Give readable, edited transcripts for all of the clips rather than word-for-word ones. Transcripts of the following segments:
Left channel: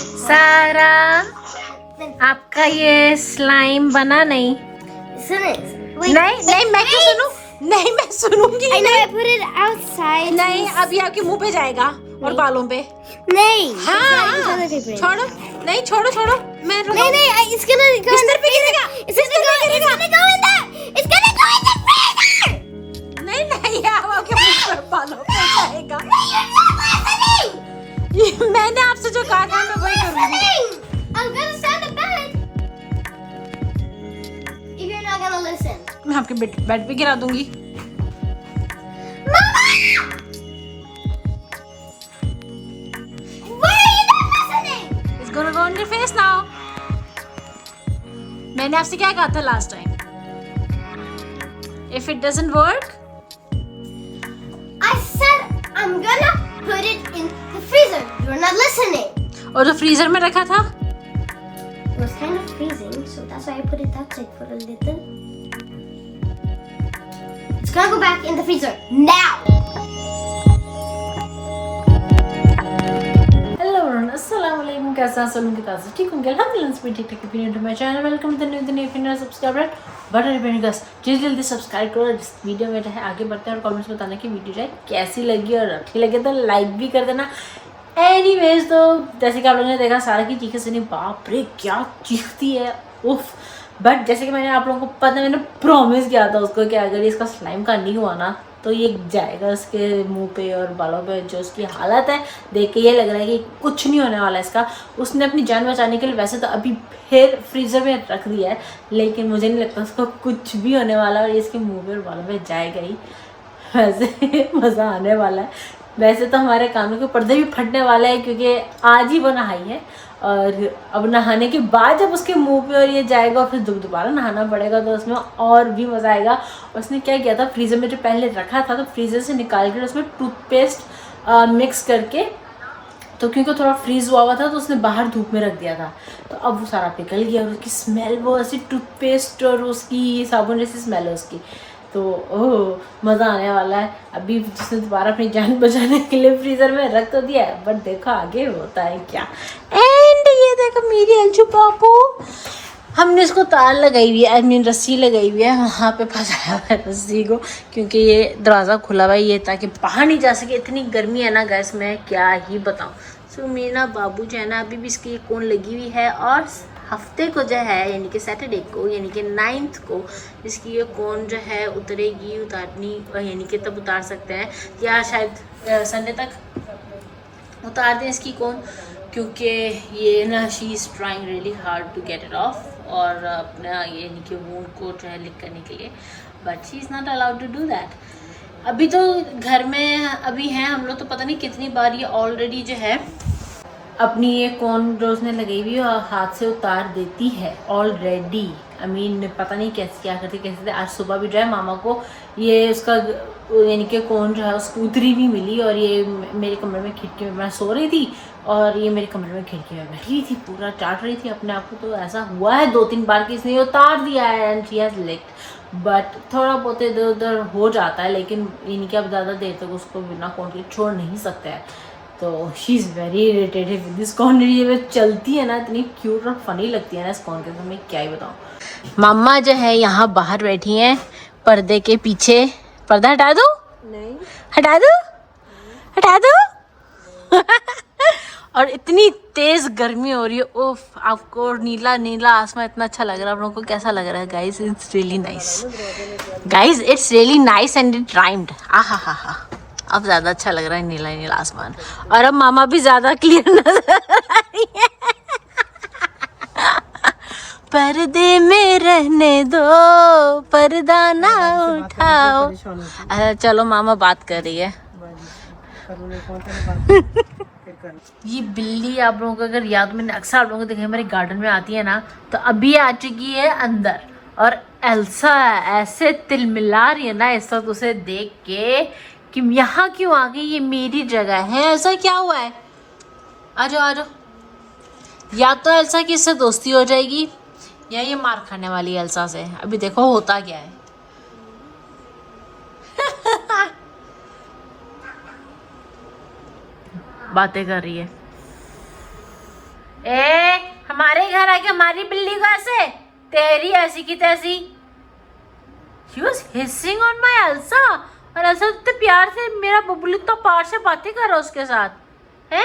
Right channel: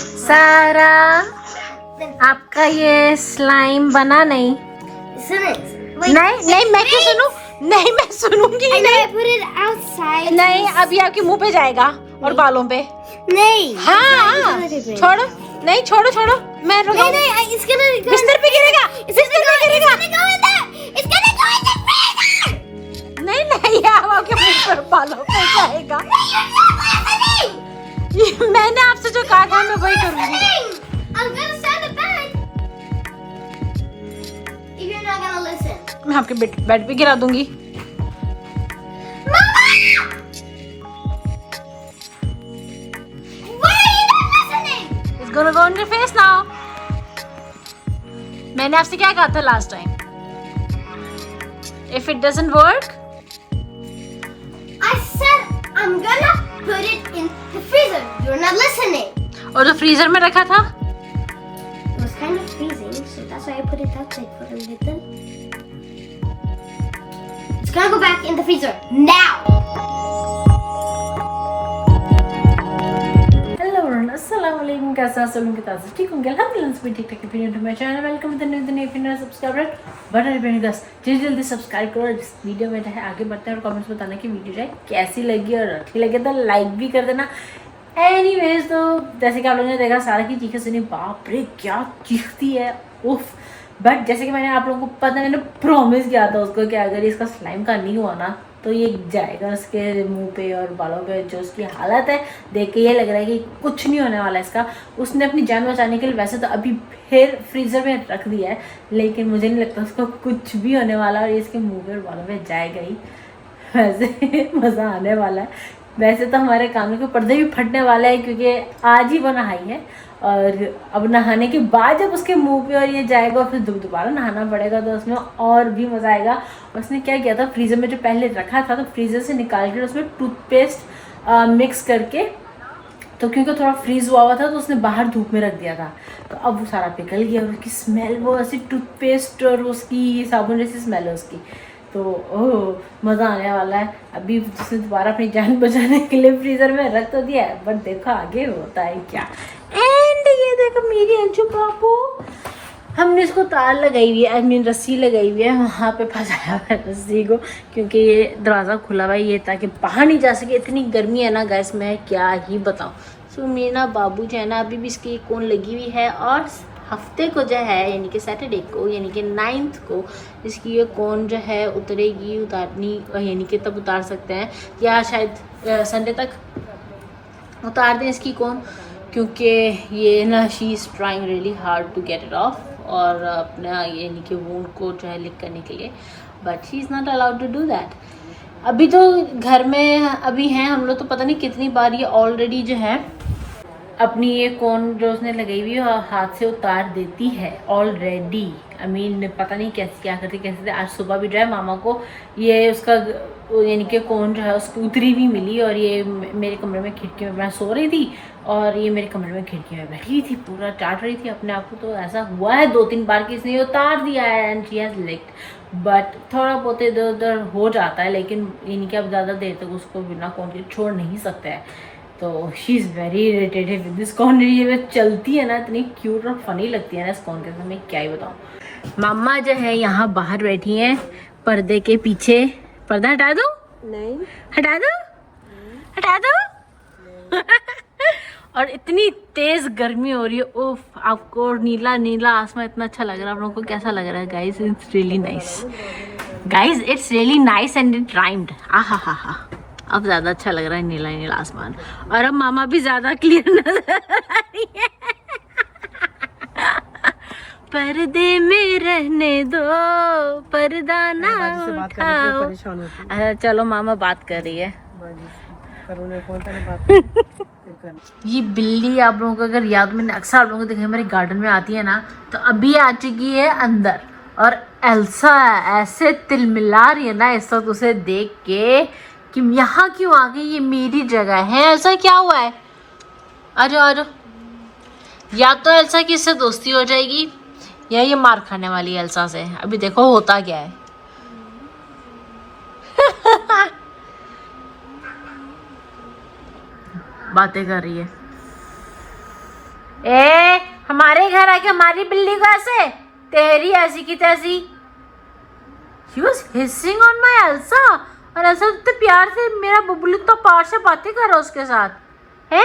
सारा आपका ये स्लाइम बना नहीं? नहीं मैं क्यों सुनूं? नहीं मैं सुनूंगी नहीं। नहीं अभी आपके मुंह पे जाएगा और बालों पे। नहीं हाँ छोड़ो, नहीं छोड़ो छोड़ो, मैं नहीं इसके बिस्तर पे गिरेगा, बिस्तर पे गिरेगा। नहीं नहीं अब आपके मुंह पर बालों पे जाएगा। मैंने आपसे जो कहा था मैं वही करूंगी। मैं आपके बेड पे गिरा दूंगी। It's gonna go on your face now. मैंने आपसे क्या कहा था last time? If it doesn't work, I said I'm gonna put it in the freezer. You're not listening. और जो फ्रीजर में रखा था? It was kind of freezing, so that's why I put it outside for a little. It's gonna go back in the freezer now. अस्सलामुअलैकुम, कैसा सब लोग ताज़ा ठीक होंगे? अल्हम्दुलिल्लाह ठीक ठाक। फिर to my channel, welcome to the new subscriber button पे गाइस, जल्दी सब्सक्राइब करो। इस वीडियो में जो है आगे बढ़ते हैं और कमेंट्स में बताना कि वीडियो जो है कैसी लगी और अच्छी लगे तो लाइक भी कर देना। एनीवेज तो जैसे कि आप लोगों ने देखा सारा की चीखें सुनी, बाप रे क्या चीखती है, उफ। बट जैसे कि मैंने आप लोगों को पता, मैंने प्रॉमिस किया था उसको कि अगर इसका स्लाइम का नहीं हुआ ना तो ये जाएगा उसके मुंह पे और बालों पे। जो उसकी हालत है देख के ये लग रहा है कि कुछ नहीं होने वाला इसका। उसने अपनी जान बचाने के लिए वैसे तो अभी फिर फ्रीजर में रख दिया है, लेकिन मुझे नहीं लगता उसको कुछ भी होने वाला और ये इसके मुंह पे और बालों पे जाएगा ही। वैसे मज़ा आने वाला है। वैसे तो हमारे कानों के पर्दे भी फटने वाला है क्योंकि आज ही वो नहाई है और अब नहाने के बाद जब उसके मुंह पे और ये जाएगा फिर दोबारा नहाना पड़ेगा तो उसमें और भी मज़ा आएगा। उसने क्या किया था, फ्रीज़र में जो पहले रखा था तो फ्रीज़र से निकाल कर उसमें टूथपेस्ट मिक्स करके, तो क्योंकि थोड़ा फ्रीज हुआ था तो उसने बाहर धूप में रख दिया था, तो अब वो सारा पिघल गया और उसकी स्मेल वो ऐसे टूथपेस्ट और उसकी साबुन जैसी स्मेल है उसकी। तो ओह मज़ा आने वाला है। अभी जिसने दोबारा अपनी जान बचाने के लिए फ्रीज़र में रख तो दिया है, बट देखो आगे होता है क्या। एंड ये देखो मेरी अलचू बाबू, हमने इसको तार लगाई हुई है, आई मीन रस्सी लगाई हुई है, वहाँ पे फंसाया हुआ है रस्सी को क्योंकि ये दरवाज़ा खुला हुआ है ये ताकि बाहर नहीं जा सके। इतनी गर्मी है ना गैस, मैं क्या ही बताऊँ। सो मीना बाबू जो है ना अभी भी इसकी कौन लगी हुई है और हफ्ते को जो है यानी कि सैटरडे को यानी कि 9th को इसकी ये कौन जो है उतरेगी, उतारनी यानी कि तब उतार सकते हैं या शायद संडे तक उतार दें इसकी कौन, क्योंकि ये ना she is trying really hard to get it off और अपना यानी कि वोंड को जो है लिक करने के लिए, but she is not allowed to do that. अभी तो घर में अभी हैं हम लोग, तो पता नहीं कितनी बार ये ऑलरेडी जो है अपनी ये कौन जो उसने लगाई हुई है हाथ से उतार देती है ऑलरेडी। आई मीन पता नहीं कैसे क्या करती कैसे थे। आज सुबह भी जो है मामा को ये उसका यानी कि कौन जो है उसकी उतरी भी मिली और ये मेरे कमरे में खिड़की में मैं सो रही थी और ये मेरे कमरे में खिड़की में बैठी थी, पूरा चाट रही थी अपने आप को। तो ऐसा हुआ है 2-3 बार कि इसने उतार दिया है and she has licked, but थोड़ा बहुत इधर उधर हो जाता है, लेकिन यानी कि अब ज़्यादा देर तक उसको बिना कौन के छोड़ नहीं सकते हैं। तो she is very irritated with this corn. ये चलती है ना इतनी क्यूट और फनी लगती है ना इस कॉर्न के अंदर, मैं क्या ही बताऊँ। मम्मा जो है यहाँ बाहर बैठी हैं पर्दे के पीछे। पर्दा हटा दो, नहीं हटा दो, हटा दो। और इतनी तेज गर्मी हो रही है, ओफ। आपको नीला नीला आसमान इतना अच्छा लग रहा है, आप लोगों को कैसा लग रहा है guys? It's really nice guys, it's really nice and it rhymed. आहा हा हा, अब ज़्यादा अच्छा लग रहा है नीला नीला आसमान, और अब मामा भी ज़्यादा क्लियर नजर आ रही है। पर्दे में रहने दो, पर्दा ना उठाओ। अच्छा चलो मामा बात कर रही है। ये बिल्ली आप लोगों को अगर याद, मैंने अक्सर आप लोगों को देखा मेरे गार्डन में आती है ना, तो अभी आ चुकी है अंदर और एल्सा ऐसे तिलमिला रही है ना ऐसा तो उसे देख के कि यहाँ क्यों आ गई, ये मेरी जगह है। ऐसा क्या हुआ है? आ जाओ आ जाओ। या तो एल्सा की इससे दोस्ती हो जाएगी या ये मार खाने वाली है एल्सा से। अभी देखो होता क्या है। बातें कर रही है। हमारे घर आके हमारी बिल्ली को ऐसे, तेरी ऐसी की तैसी। She was hissing on my Elsa और ऐसा तो प्यार से मेरा बबली तो पार से बातें कर रहा उसके साथ है।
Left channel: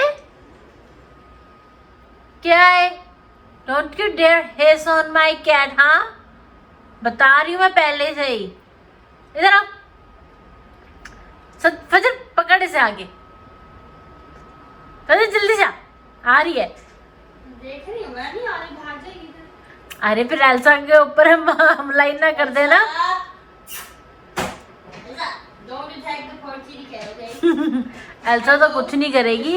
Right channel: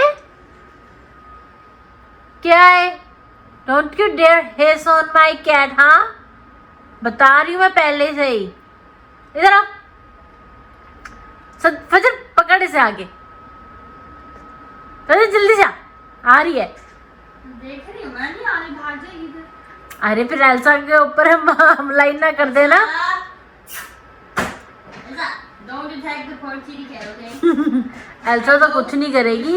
क्या है? Don't you dare hiss on my cat, हाँ? बता रही हूँ मैं पहले से ही। इधर आ, फजर पकड़ इसे आगे, फजर जल्दी जा, आ रही है। देख रही हूँ मैं, नहीं आगे भाग जाएगी। अरे फिर एल्सा के ऊपर हम हमला ही ना कर देना। Don't attack the poor kitty cat, okay? Elsa तो कुछ नहीं करेगी,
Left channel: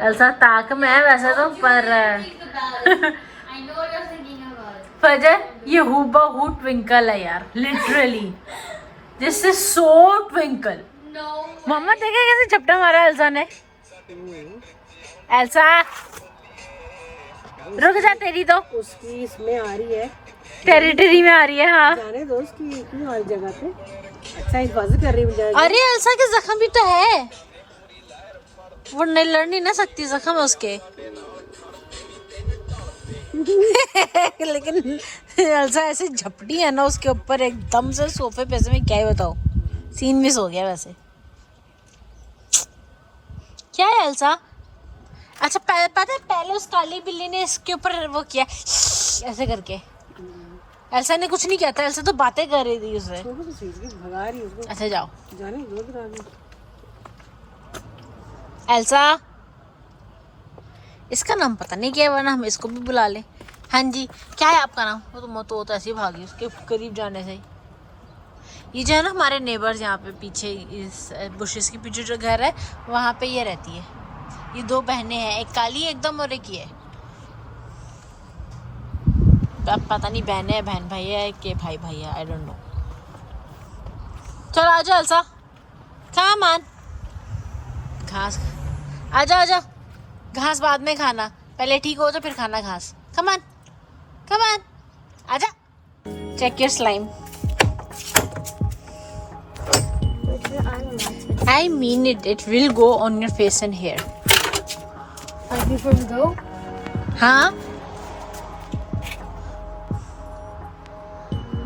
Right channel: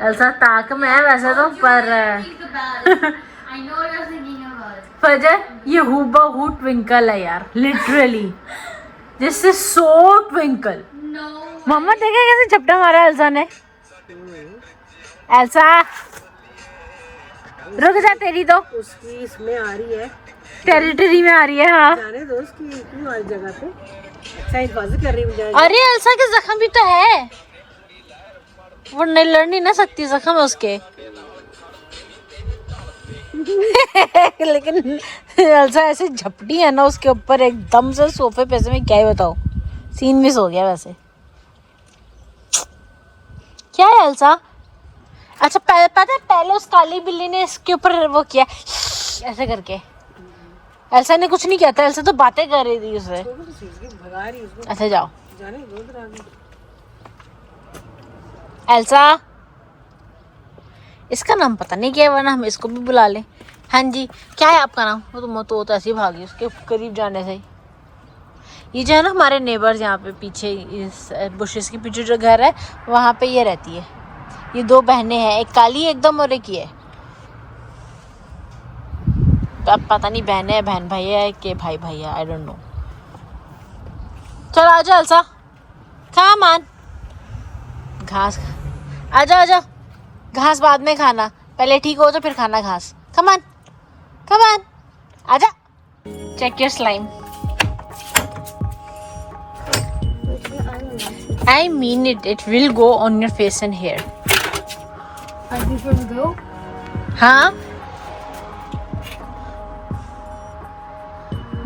एल्सा ताक में है वैसा तो, पर Think about it. I know what you're thinking about it. फजर ये हूबहू ट्विंकल है यार, literally this is so twinkle. No. मामा देखे कैसे झपटा मारा एल्सा ने। एल्सा रुक जा, तेरी तो उसकी इसमें आ रही है, टेरिटरी में आ रही है। हाँ जाने दो उसकी क्यों हर जगह पे। अच्छा हिफाजत कर रही हो जाएगी। अरे एल्सा के जख्म भी तो है, वो नहीं लड़ नहीं ना सकती, जख्म है उसके। लेकिन एल्सा ऐसे झपटी है ना उसके ऊपर एकदम से सोफे पे से, मैं क्या ही बताऊं, सीन मिस हो गया वैसे। क्या है एल्सा? अच्छा पता है पहले उस काली बिल्ली ने इसके ऊपर वो किया ऐसे करके, एल्सा ने कुछ नहीं किया था, एल्सा तो बातें कर रही थी उससे। भगा रही है उसको, अच्छा जाओ जाने दो फिर आगे। एल्सा, इसका नाम पता नहीं क्या है, वरना हम इसको भी बुला लें। हाँ जी, क्या है आपका नाम? वो तो ऐसे ही भागी उसके करीब जाने से ही। ये जो है ना हमारे नेबर्स, यहाँ पे पीछे इस बुशेस के पीछे जो घर है वहाँ पे ये रहती है। ये दो बहनें हैं, एक काली एकदम और एक ये। अब पता नहीं बहनें है बहन भाई है कि भाई भाई है, आई डोंट नो। चलो आ जाओ एल्सा, कम ऑन, घास आ जाओ, आ जाओ। घास बाद में खाना, पहले ठीक हो तो फिर खाना घास। कम ऑन आ जा, check your slime. I mean it. It will go on your face and hair. Before we go, हाँ?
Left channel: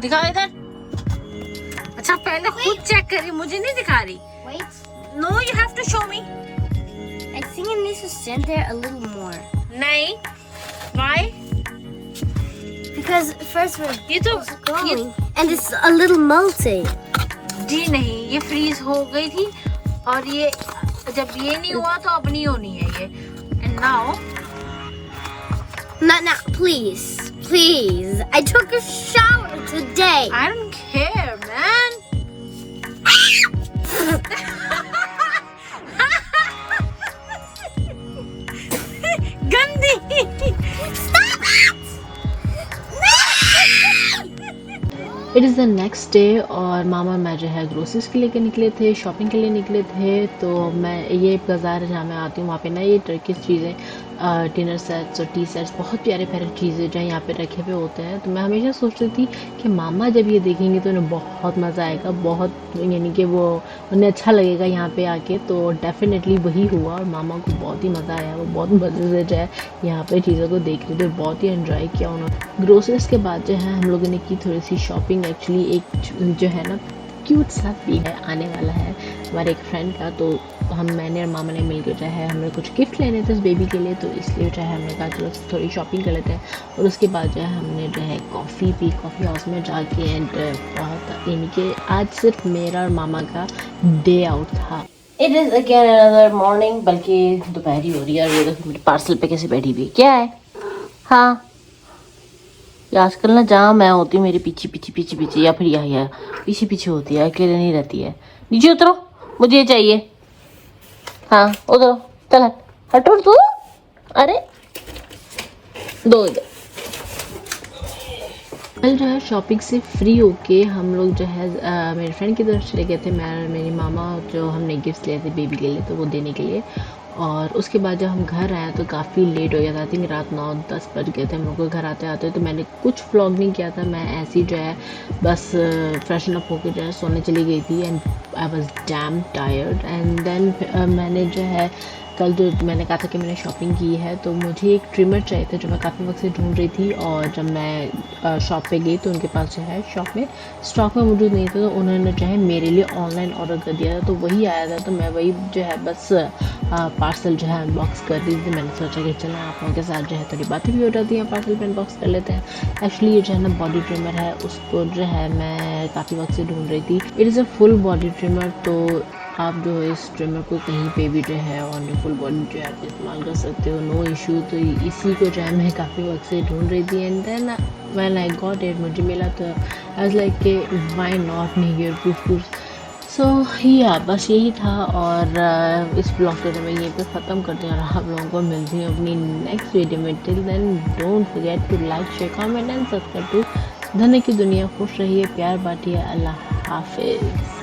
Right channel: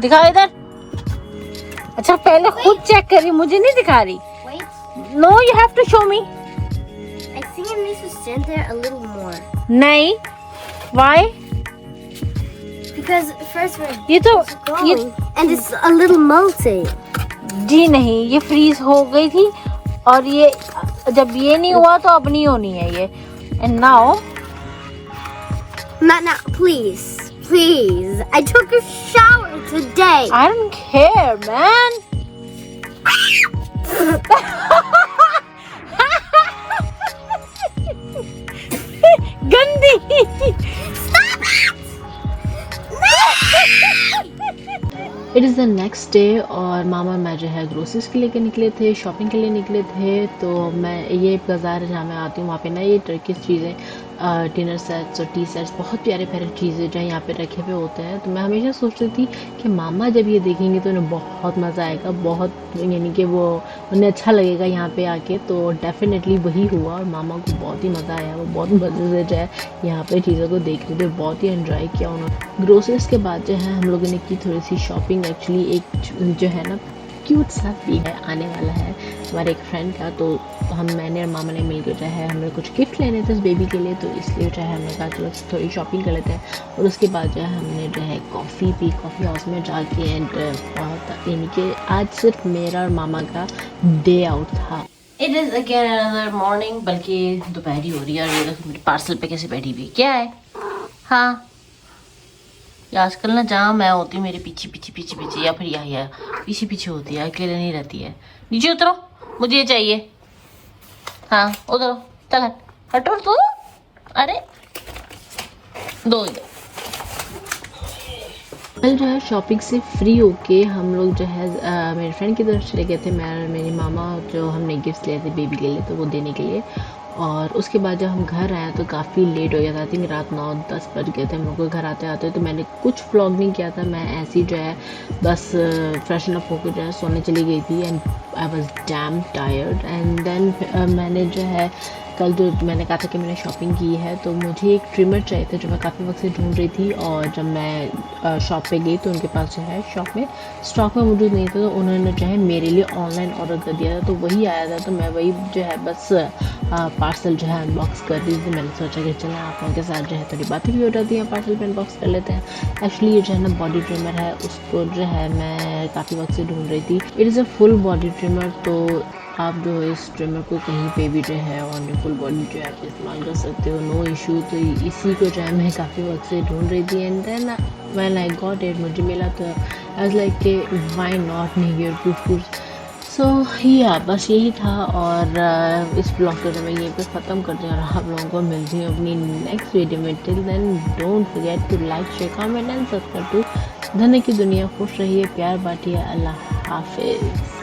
दिखाओ इधर। अच्छा पहले खुद चेक करी, मुझे नहीं दिखा रही। wait. No, you have to show me. I think it needs to stand there a little more. नहीं। Why? Because first we're ये तो ये and it's a little melty. जी नहीं, ये फ्रीज हो गई थी और ये जब ये नहीं हुआ तो अब नहीं होनी है ये। And now Not now, please. Please. I took a shower today. I don't care, man. गंदी। It is the next day और मामा और मैं जो है ग्रोसरीज के लेके निकले थे, शॉपिंग के लिए निकले थे। तो मैं ये बाज़ार है जहाँ मैं आती हूँ, वहाँ पे ना ये टर्किश चीज़ें, डिनर सेट्स और टी सेट्स, बहुत प्यारे प्यारे चीज़ें जो यहाँ पे रखे हुए होते हैं। तो मैं हमेशा सोच रही थी कि मामा जब ये देखेंगे तो उन्हें बहुत मज़ा आएगा, बहुत यानी कि वो उन्हें अच्छा लगेगा यहाँ पे आके। तो डेफिनेटली वही हुआ और मामा को बहुत ही मज़ा आया, वो बहुत मज़े से जो है यहाँ पे चीज़ों को देख रहे थे, बहुत ही एंजॉय किया उन्होंने। ग्रोसरीज के बाद जो है हम लोगों ने की थोड़ी सी शॉपिंग। एक्चुअली एक जो है ना क्यूट सा भी है आने वाला है हमारे एक फ्रेंड का, तो मैंने और मामा ने मिलकर जो है हमें कुछ गिफ्ट लेने थे उस बेबी के लिए, तो इसलिए जो है हमने कहा चलो थोड़ी शॉपिंग कर लेते हैं। और उसके बाद जो है हमने जो है कॉफ़ी पी, कॉफ़ी हाउस में जाके। एंड बहुत यानी कि आज सिर्फ मेरा और मामा का डे आउट था। It is again another morning, बल्कि दोपहरी हो रही है। और ये देखो मेरे पार्सल पे कैसे बैठी हुई, क्या है? हाँ आजकल ना जहाँ मैं होती हूँ मेरे पीछे पीछे पीछे पीछे या फिर यहाँ पीछे पीछे होती है, अकेले नहीं रहती है। नीचे उतरो, मुझे ये चाहिए। हाँ उतरो, चल हटो तो। अरे दो कल जो है शॉपिंग से फ्री होके हम लोग जो है मेरे फ्रेंड की तरफ चले गए थे। मैं और मेरी मामा जो हमने गिफ्ट लिए थे बेबी के लिए, तो वो देने के लिए। और उसके बाद जब हम घर आए तो काफ़ी लेट हो गया था, आई थिंक रात 9-10 बज गए थे हम लोग को घर आते आते। तो मैंने कुछ व्लॉग नहीं किया था, मैं ऐसे ही जो है बस फ्रेशन अप होकर जो है सोने चली गई थी। And I was damn tired. And then मैंने जो है कल जो मैंने कहा था कि मैंने शॉपिंग की है, तो मुझे एक ट्रिमर चाहिए था जो मैं काफ़ी वक्त से ढूंढ रही थी। और जब मैं शॉप पे गई तो उनके पास जो है शॉप में स्टॉक में मौजूद नहीं था, तो उन्होंने जो है मेरे लिए ऑनलाइन ऑर्डर कर दिया था। तो वही आया था, तो मैं वही जो है बस पार्सल जो है अनबॉक्स कर रही थी। मैंने सोचा कि चलें आप लोगों के साथ जो है थोड़ी बातें भी हो जाती हैं, पार्सल पे अनबॉक्स कर लेते हैं। एक्चुअली ये जो है ना बॉडी ट्रिमर है, उसको जो है मैं काफ़ी वक्त से ढूंढ रही थी। It is a full body trimmer, तो आप जो है इस ट्रिमर को कहीं पे भी जो है ऑन योर फुल बॉडी जो है आप इस्तेमाल कर सकते हो, नो इशू। तो इसी को जो है मैं काफ़ी वक्त से ढूंढ रही थी। And then when I got it, मुझे मिला, तो आई वाज लाइक कि why not, near proof. So या बस यही था। और इस ब्लॉग को मैं यहीं पे ख़त्म करती हूँ और आप लोगों को मिलती हूँ अपनी नेक्स्ट वीडियो में। Till then don't forget to like, share, comment and subscribe to धन्य की दुनिया। खुश रहिए, प्यार बांटिए। अल्लाह हाफिज़।